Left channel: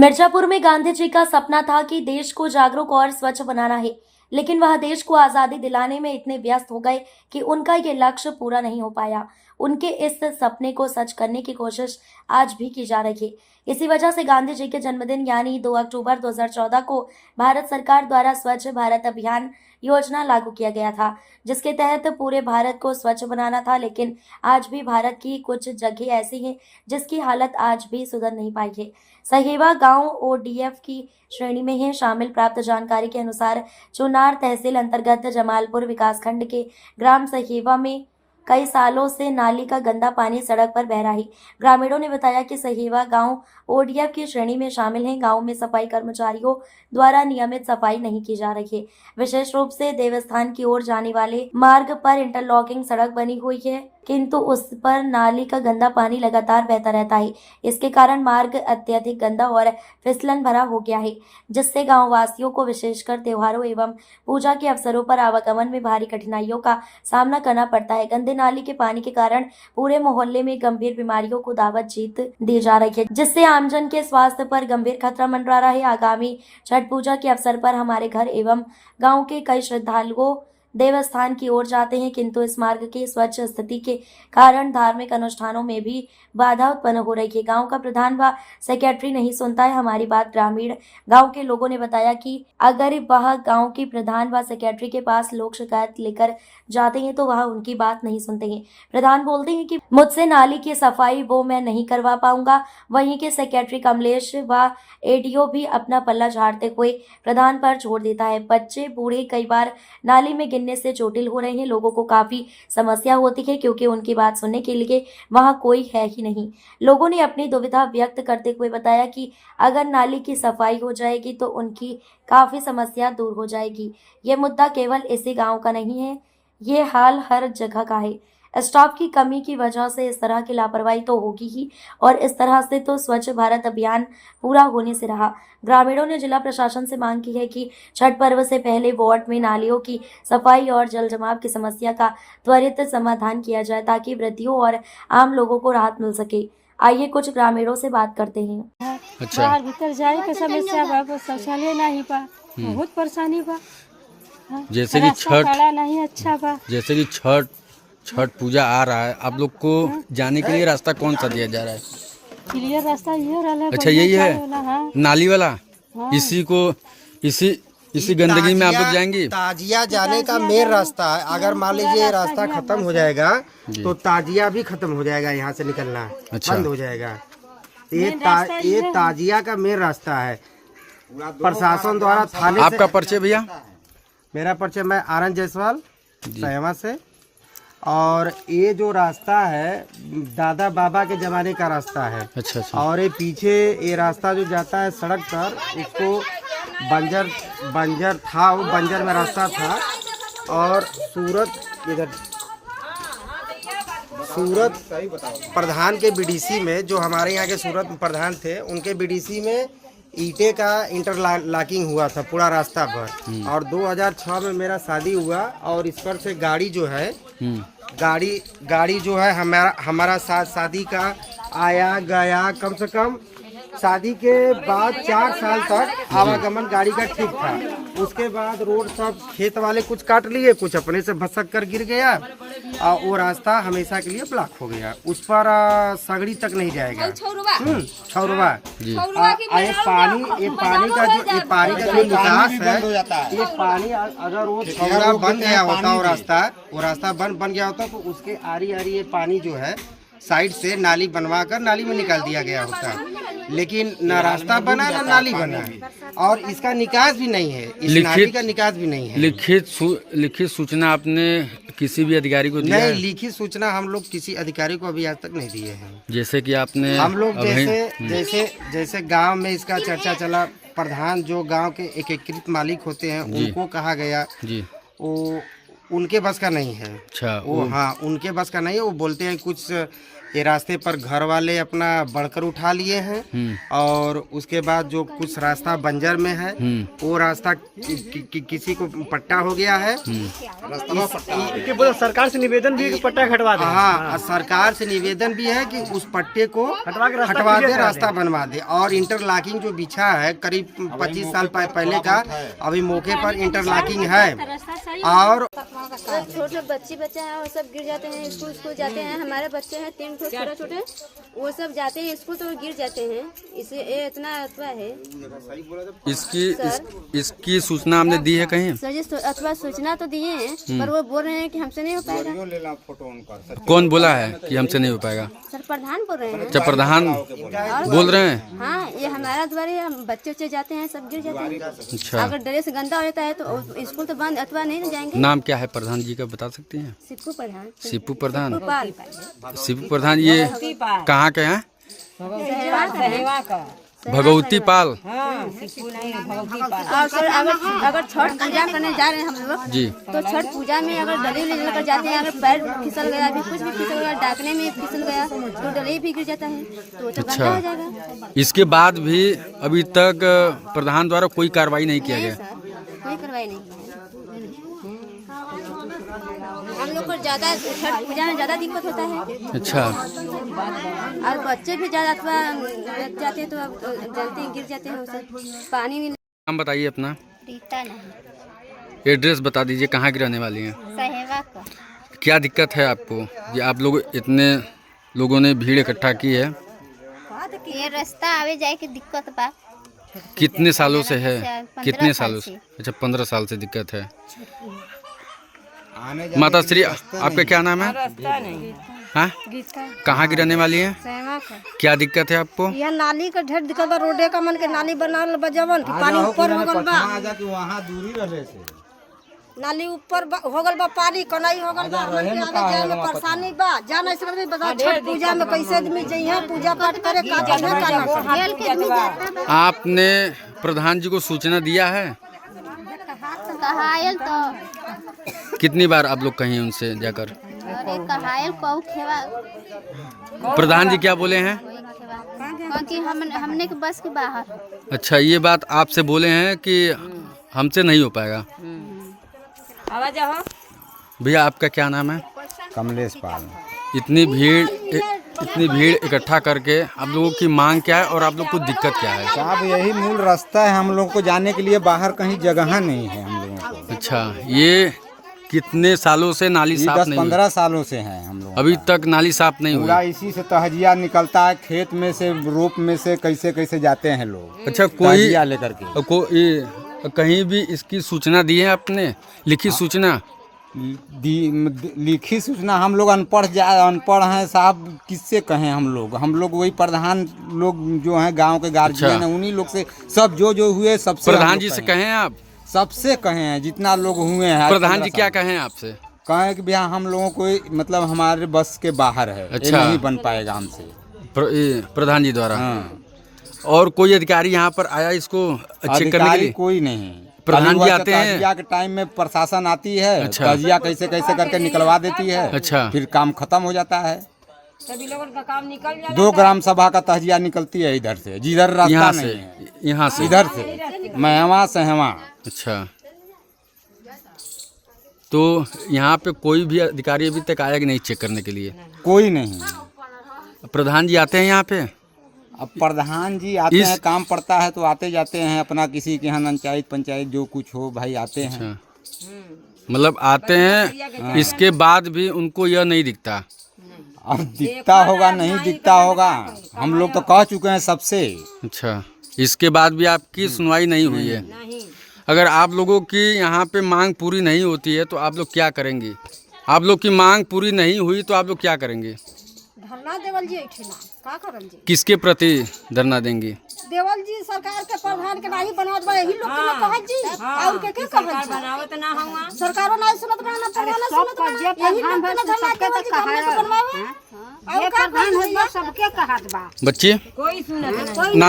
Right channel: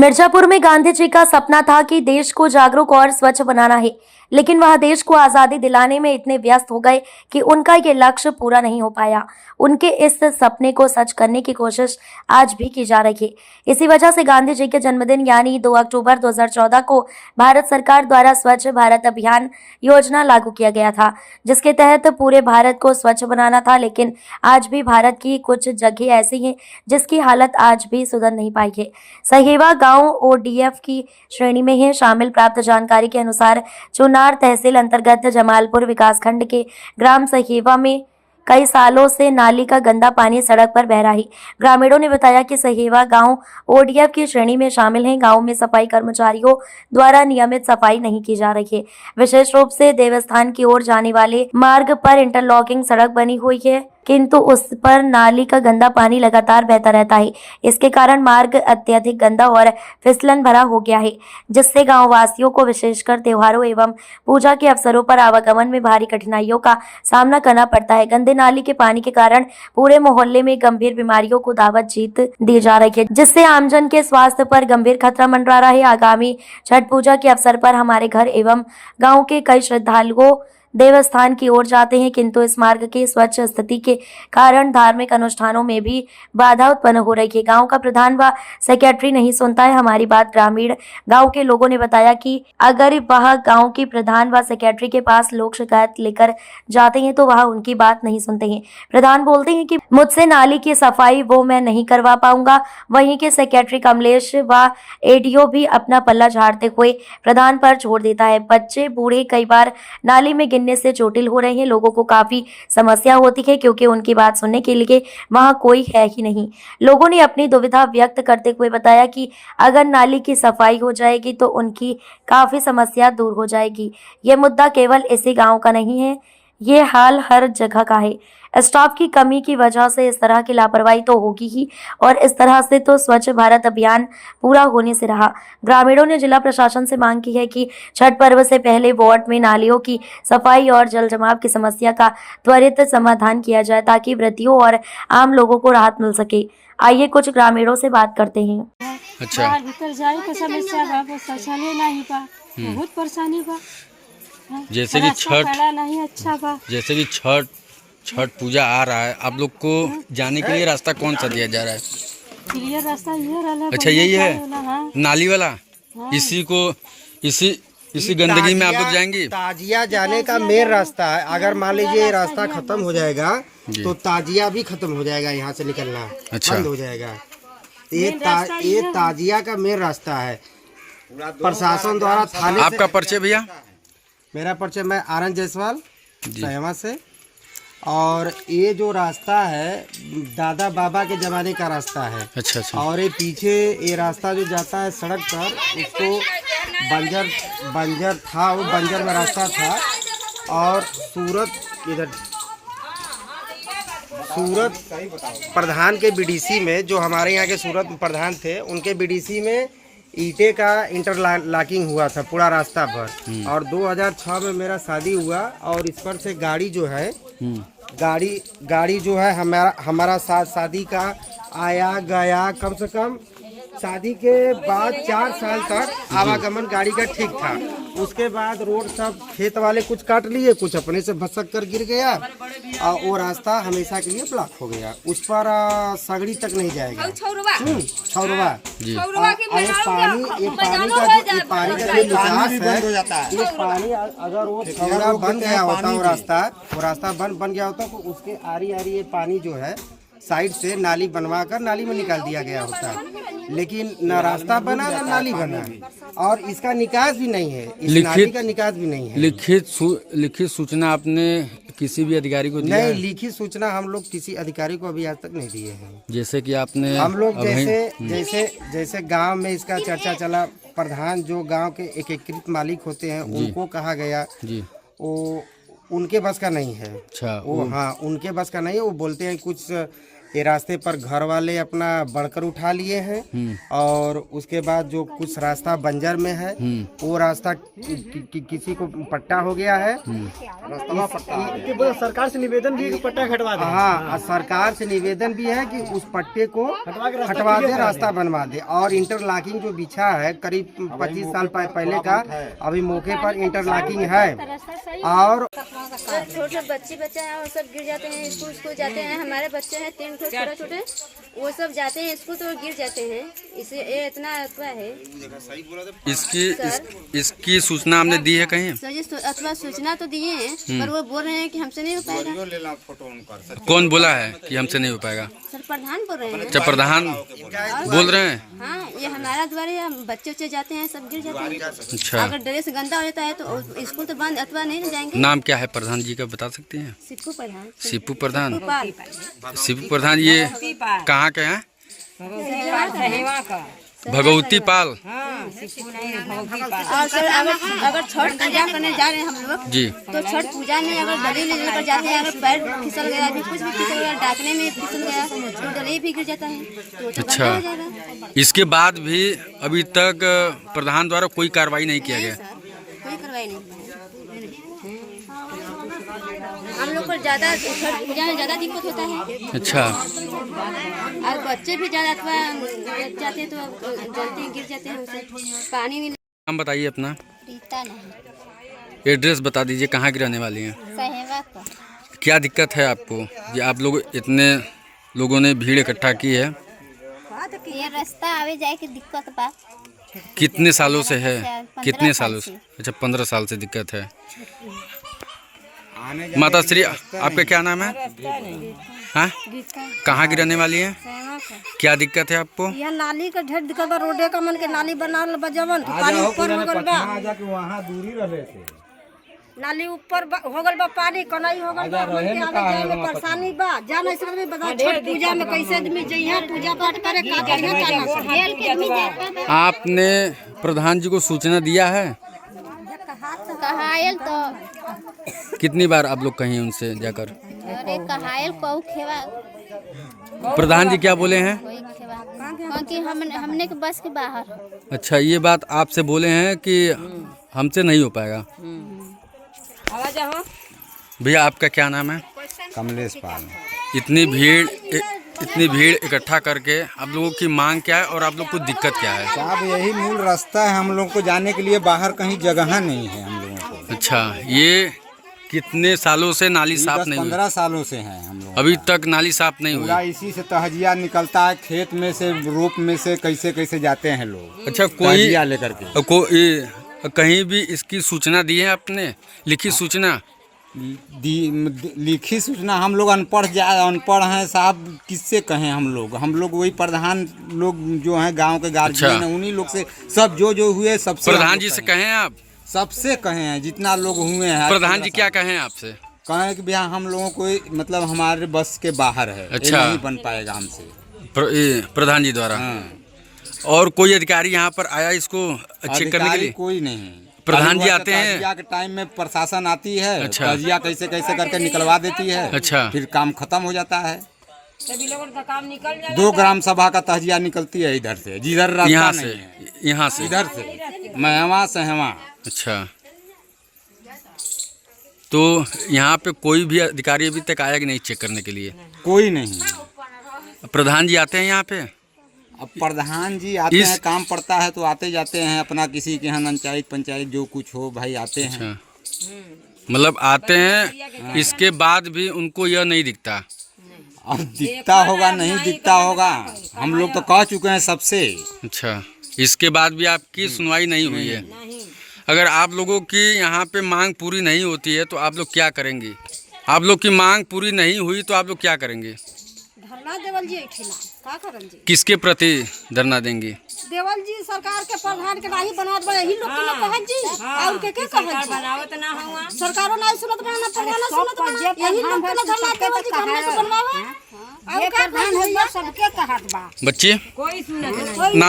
मिर्जापुर में गांधी जी का सपना था कि देश को जागरूक और स्वच्छ बनाना है, लेकिन वह देश को आजादी दिलाने में इतने व्यस्त हो गए कि उनका ये लक्ष्य पूरा नहीं हो पाया। उनके इस सपने को सच करने की कोशिश आज भी की जा रही है। इसी वजह से गांधी जी के जन्मदिन यानी 2 अक्टूबर 2014 को भारत सरकार द्वारा स्वच्छ भारत अभियान योजना लागू किया गया था, जिसके तहत पूरे भारत को स्वच्छ बनाना था। लेकिन आज भी भारत की कुछ जगह ऐसी हैं जिसकी हालत आज भी सुधर नहीं पाई है। सहेवा गांव ओडीएफ की श्रेणी में है। शामिल प्राप्त जानकारी के अनुसार चुनार तहसील अंतर्गत जमालपुर विकासखंड के ग्राम सहेवा में कई सालों से नाली का गंदा पानी सड़क पर बह रहा है। ग्रामीणों ने बताया कि सहेवा गांव ओडीएफ की श्रेणी में शामिल है। गांव में सफाई कर्मचारियों द्वारा नियमित सफाई नहीं की जा रही है। विशेष रूप से देवस्थान की ओर जाने वाले मार्ग पर इंटरलॉकिंग सड़क बनी हुई है, किंतु उस पर नाली का गंदा पानी लगातार बहता रहता है। इसके कारण मार्ग अत्यधिक गंदा और फिसलन भरा हो गया है, जिससे गांव वासियों को विशेषकर त्योहारों एवं पूजा के अवसरों पर आवागमन में भारी कठिनाइयों का सामना करना पड़ता है। गंदे नाली के पानी के कारण पूरे मोहल्ले में गंभीर बीमारियों को दावत जीत दी जा रही है, जिससे आमजन के स्वास्थ्य पर गंभीर खतरा मंडरा रहा है। आगामी छठ पूजा के अवसर पर हमारे घर एवं गाँव के कई श्रद्धालुओं देवस्थान की ओर जाते हैं, किंतु इस मार्ग की स्वच्छ स्थिति के कारण धार्मिक अनुष्ठानों में भी बाधा उत्पन्न हो रही है। गांव का प्रधान व सेक्रेटरी नहीं सुनता है हमारी बात। ग्रामीण गांव के लोगों ने बताया कि अगर वह गांव की प्रधान व सेक्रेटरी के पास लोग शिकायत लेकर जाते हैं तो वह उनकी बात नहीं सुनते हैं। प्रधान बोलते हैं कि मुझसे नाली की सफाई वो मैं नहीं करवा पाऊंगा। वहीं के सेक्रेटरी कमलेश व एडीओ भी अपना पल्ला झाड़ते हुए प्रधान पर छोड़ देता है। बच्चे बूढ़े कई बार नाली में गिरने से चोटिल हो रहे हैं। लोगों को काफी समस्या होती है क्योंकि उनकी बात सुनने के लिए वहां कोई है ही नहीं। लोगों ने अपनी दुविधा व्यक्त करते हुए बताया कि अगर नाली की सफाई हो जाएगी तो उनकी काफी समस्या दूर हो जाएगी। ये मुद्दा केवल इसी गांव का नहीं है, ये हाल हर जगह का है। स्टाफ की कमी की वजह से इस तरह की लापरवाही तो होगी ही, और इस तरह से तो स्वच्छ भारत अभियान पूरा होने से रहा। ग्रामीणों ने जिला प्रशासन से मांग की है कि छठ पर्व से पहले वार्ड में नालियों की सफाई और जल जमाव की समस्या का त्वरित समाधान किया जाए, ताकि व्रतियों और आम लोगों को राहत मिल सके। आइए कुछ ग्रामीणों से बात करते हैं। अच्छा, बाहर भीतर जाए के समस्या बा, बस शौचालय नहीं बा, बहुत परेशानी बा। जैसे कि रास्ता खड़ा नहीं अच्छा बा। जैसे कि छठ पूजा आ रहा है, आप लोग को जाने के लिए रास्ता कौन सा दिया जा रहा है? क्लियर रास्ता ये रहला। अच्छा, यही है हाँ। नाली वाला। हाँ। इसी गंदगी में आप लोग जाएंगे? ताजिया जाने का मेन रास्ता है। अगर मान लीजिए ये रास्ता खत्म हो जाएगा तो ताजिया भी खत्म हो जाएगा, यहाँ से निकलना अच्छा। बंद हो जाएगा। ये ताजिया का मेन रास्ता है। प्रशासन द्वारा थाने आपका परिचय भैया? मेरा परिचय, मैं आनंद जायसवाल सहेवा से। और ये जो रास्ता है दादा बाबा के जमाने का रास्ता है। अच्छा अच्छा। और ये पीछे ये रास्ता जो जाता है सड़क पर, उसको बंजर था, वो बंजर में रास्ता था। और सूरत प्रधान के बीडीसी में, जो हमारे यहाँ के सूरत प्रधान थे, उनके बीडीसी में ईंटे का इंटरलॉकिंग हुआ था पूरा रास्ता पर। और 2006 में मेरा शादी हुआ, और इस पर से गाड़ी जो है गाड़ी जो है हमारा शादी का आया गया, कम से कम शादी के बाद 4 साल तक आवागमन गाड़ी का ठीक था। उसके बाद रोड सब खेत वाले कुछ काट लिए, कुछ अपने से भसक कर गिर गया, और वो रास्ता हमेशा के लिए ब्लॉक हो गया। उस पर सगड़ी तक नहीं जाएगा। छौरवा ये पानी का जो निकास है, ये पानी अगर वो छौरा बन गया होता, वो रास्ता बन गया होता, तो उसके आरी ये पानी जो है साइड से नाली बनवा कर नाली में निकाल दिया गया होता। लेकिन न रास्ता बना न नाली बना, और इसका निकास भी नहीं है। इस नाली का निकास भी नहीं है। लिखित सूचना आपने किसी भी अधिकारी को दिया? नहीं, लिखित सूचना हम लोग किसी अधिकारी को अभी आज तक नहीं दिए हैं। जैसे कि आपने हम लोग जैसे गांव में इसका चर्चा चला, प्रधान जो गांव के एकीकृत मालिक होते हैं उनको कहा गया जी, वो उनके बस का नहीं है। अच्छा, वो हाँ, उनके बस का नहीं है। वो बोलते हैं कुछ ये रास्ते पर घर वाले अपना बढ़कर उठा लिए हैं और उसके बाद जो कुछ रास्ता बंजर में है वो रास्ता किसी को पट्टा हो गया है। सरकार से निवेदन भी पट्टा हटवा दे। हाँ, सरकार से निवेदन भी है कि उस पट्टे को हटवा दे, रास्ता बनवा दे। और इंटरलॉकिंग जो बिछा है करीब 25 साल पहले का, अभी मौके पर इंटरलॉकिंग है। और छोटे बच्चे हैं वो सब गिर जाते हैं, स्कूल जाते हैं। हमारे बच्चे हैं 3 छोटे छोटे, वो सब जाते हैं स्कूल तो गिर जाते हैं। इसे ये इतना अथवा है। इसकी सूचना हमने दी है कहीं? सर जी अथवा सूचना तो दिए हैं, पर वो बोल रहे हैं कि हमसे नहीं हो पाएगा। कौन बोला है कि हमसे नहीं हो पाएगा? सर प्रधान बोल रहे हैं। अच्छा, प्रधान बोल रहे हैं? हाँ, ये हमारा द्वारा बच्चे जाते हैं, सब गिर जाते हैं। अच्छा, अगर ड्रेस गंदा हो जाता है तो स्कूल तो बंद अथवा नहीं जाएंगे। नाम क्या है प्रधान जी का, बता सकती हैं? सिप्पू प्रधान। सिप्पू प्रधान। सिप्पू सिप्पू प्रधान ये कहाँ के हैं? भगवती पाल। और सर अगर छठ पूजा करने जा रहे हैं हम लोग जी, तो छठ पूजा में अगर डली लेकर जाते हैं, अगर पैर फिसल गया, भी कुछ भी फिसल गया, डाकने में फिसल गया तो डली भी गिर जाता है तो अच्छा। हो जाएगा। इसके बाद भी अभी तक प्रधान द्वारा कोई कार्रवाई नहीं किया गया? कोई कार्रवाई नहीं। हम लोग को ज्यादा छठ पूजा में ज्यादा दिक्कत होता है। अच्छा। और बच्चे भी ज्यादा अथवा जाते हैं तो जलते हैं, गिर जाते हैं, उसे पानी नहीं। नाम बताइए अपना। रीता नहीं। एड्रेस बता दीजिए, कहाँ की रहने वाली हैं? सहवा का। क्या दिक्कत है आपको? ये आप लोग इतने लोगों ने भीड़ इकट्ठा की है, ये रास्ता आवे जाए की दिक्कत बा। कितने सालों से है? 15 कितने साल सालों से? अच्छा, 15 साल से दिक्कत है। माता श्री, आपका क्या नाम है? हाँ, कहाँ की रहने वाली है? क्या दिक्कत है आपको? यह नाली का ढेर दिक्कत बा, रोडे का मन के नाली बनावल बा, जवन पानी ऊपर हो गल बा, वहाँ दूरी रहे थे। नाली ऊपर हो गल बा, पानी कनाई हो गल बा, मन के आने जाए में परेशानी बा। जान ऐसे भी बता, छठ पूजा में कैसे आदमी जइहा पूजा पाठ करे, का करिहा का ना करे। आपने प्रधान जी को सूचना दिया है? कहायल तो कितनी बार आप लोग कहीं उनसे जाकर? अरे कहायल को खेवा प्रधान जी क्या बोले हैं? क्योंकि हमने के बस के बाहर। अच्छा, ये बात आपसे बोले हैं कि हमसे नहीं हो पाएगा। भैया आपका क्या नाम है? कमलेश पाल। इतनी भीड़ इकट्ठा करके आप लोगों की मांग क्या है और आप लोग को दिक्कत क्या है? साहब यही मूल रास्ता है, हम लोग को जाने के लिए बाहर कहीं जगह नहीं है हम लोगों को। अच्छा, ये कितने सालों से नाली साफ नहीं हुई? 15 सालों से हैं हम लोग। अभी तक नाली साफ नहीं पूरा हुई? इसी से तहजिया निकलता है, खेत में से, रोप में से कैसे जाते हैं लोग। अच्छा, तहजिया लेकर के कहीं भी इसकी सूचना दी है आपने? लिखित सूचना? लिखी सूचना हम लोग अनपढ़ हैं साहब, किससे कहें हम लोग वही प्रधान लोग जो हैं गांव के गार्जियन हैं, उन्हीं लोग से सब जो हुए सबसे प्रधान जी से कहें आप? सबसे कहे हैं जितना लोग हुए हैं। प्रधान जी क्या कहें आपसे? कहें कि भैया हम लोगों को मतलब हमारे बस के बाहर है। अच्छा, ये नहीं बन पाएगा हमसे प्रधान जी द्वारा। हाँ। और कोई अधिकारी यहाँ पर आया इसको चेक करने के लिए? कोई नहीं। प्रधान जी आते हैं? तजिया के टाइम में प्रशासन आती है। अच्छा। तजिया कैसे करके निकलवा देती है। अच्छा, फिर काम खत्म हो जाता है। सभी लोगों का काम निकल जाता है। 2 ग्राम सभा का तजिया निकलती है इधर से, जिधर रास्ता यहाँ नहीं से है। यहाँ से इधर से महवा सहवा। अच्छा, तो यहाँ पे कोई भी अधिकारी अभी तक आया कि नहीं चेक करने के लिए? कोई नहीं। प्रधान जी आते हैं यहाँ पे? अब प्रधान जी आते हैं, काम पड़ता है तो आते जाते हैं, अपना किसी के यहाँ पंचायत जो कुछ हो भाई आते हैं। अच्छा, मतलब आते हैं, इसके बाद भी उनको यह नहीं दिखता? अब दिखता होगा नहीं दिखता होगा, हम लोग तो कह चुके हैं सबसे। अच्छा, इसके बाद भी आपकी सुनवाई नहीं हुई है? अगर आप लोगों की यहाँ पे मांग पूरी नहीं होती है तो आप लोग क्या करेंगे? आप लोग की मांग पूरी नहीं हुई तो आप लोग क्या करेंगे? धरना देवल जी का करन जी? किसके प्रति धरना देंगे? देवल जी सरकार के प्रधान के नहीं बनावत बा, यही लोग के कहत जी और के कहत जी बनावत ना होगा। सरकारों नहीं सुनत बा, ना प्रधान सुनत बा, यही लोग के धरना देवल जी हमने से बनवावा। और प्रधान है सबके कहत बा, बच्चे कोई सुनत नहीं। नाम